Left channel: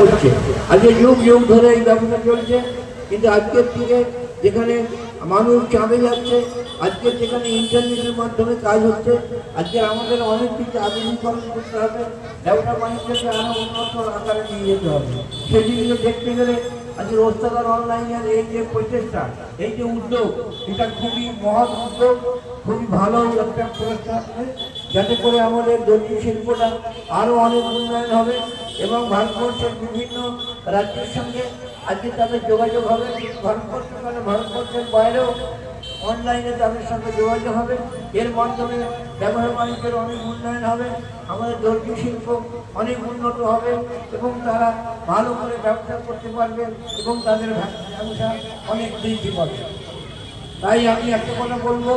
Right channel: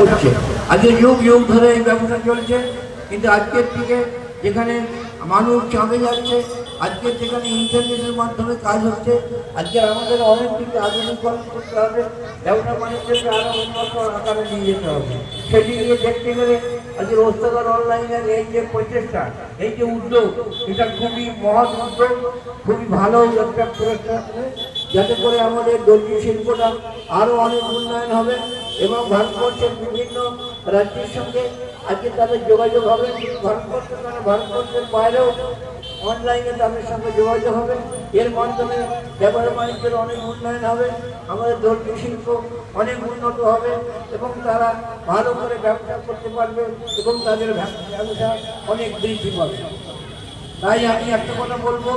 করছে। আজকে যুগ যুগ ধরে এই ব্যবসা চলছে, কিন্তু আজকের থেকে যেখানে মানুষ চাঁদে যাচ্ছে, আজকের যেখানে ইন্টারনেটের মাধ্যমে কাজ হচ্ছে, আজকে আমাদের অনেক কিছু আধুনিকরণ করতে হবে, ব্যবসা বাণিজ্যকে আরো উন্নত আকারে নিয়ে যেতে হবে। সেটি নিয়ে দেখতে গেলে আজকে রোজগার অনলাইনের এই যে প্রচেষ্টা, এই যে উদ্যোগ, এটা খুবই মহৎ উদ্যোগ, খুবই ভালো একটা প্রচেষ্টা, যাতে করে আমাদের দর্জি শিল্পটা আরো অনেক উন্নয়ন হবে এবং ভারতবর্ষের বিভিন্ন রাজ্যের সঙ্গে আজকে তাদের যোগাযোগ হবে। ভারতবর্ষের বাইরেও অনলাইনে তাদের সঙ্গে যোগাযোগ হবে। এর মাধ্যমে ব্যবসা বাণিজ্যের অনেক উন্নয়ন হবে, আমাদের দর্জি শিল্প অনেক উন্নত হবে এবং তারা ভালো করে ব্যবসা করতে পারবে এবং তাদের ব্যবসা অনেক বৃদ্ধি পাবে। তাই আমি একটা কথা বলবো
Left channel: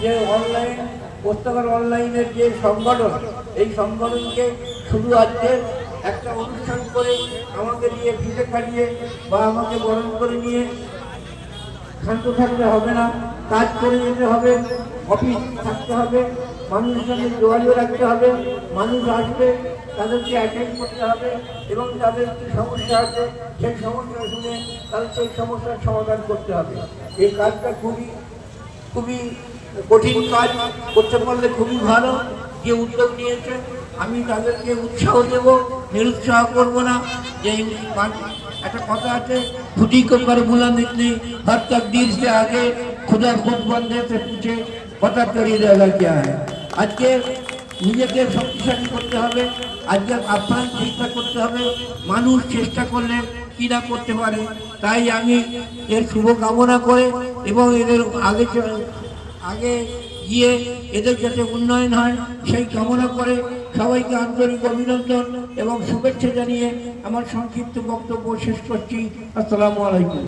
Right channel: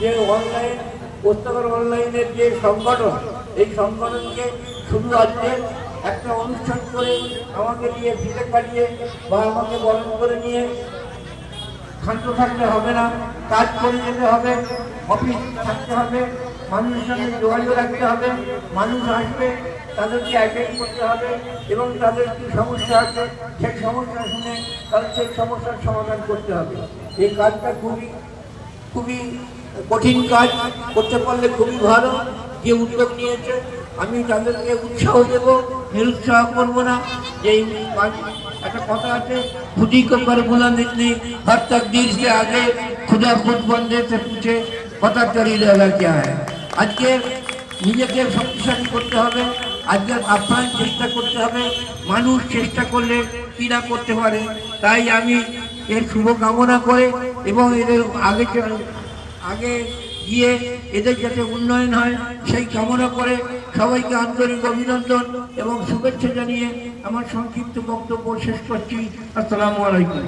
যে অনলাইন পুস্তকের অনলাইনের যে সংগঠন, এই সংগঠনকে শুধু আজকে একটা অনুষ্ঠান করে আমাকে নিয়ে ফিতে কাটিয়ে বা আমাকে বরণ করে নিয়ে শান্ত থাকতে হবে না, কাজ করে যেতে হবে, অফিস থাকতে হবে, মানুষের সঙ্গে যোগাযোগ রাখতে হবে, মানুষ আসবে তাদেরকে অ্যাটেন্ড করতে হবে এবং তাদের কি সমস্যা আছে সেই সমস্যা শুনে তাদের সেই সমস্যার সমাধান করতে হবে। এই কাজটা খুবই খুবই কঠিন কাজ, করতে পারলে খুবই ভালো। যে উদ্যোগ নিয়েছে আমি তাদেরকে উৎসাহ দেব, নিরুৎসাহ করবো না। যে একটা কথা আছে, खुदी को कर बुला निकली हर तकदीर से आगे खुदा खुद बंदे से पूछे पता चली जाएगा क्या है। আজকে নিজেকে শক্তিশালী করতে হবে, আজকে আপ্রাণ চেষ্টা করতে হবে, মানুষ চেষ্টা করলে কিনা করতে পারে। তাই আমি এর শুভ কামনা করে এবং এদের আগে গিয়ে এদের যাতে উন্নয়ন হয় সেই কামনা করে সবাইকে আন্তরিক অভিনন্দন এবং শুভেচ্ছা জানিয়ে আমার সংক্ষিপ্ত বক্তব্য শেষ করছি। আসসালামু আলাইকুম।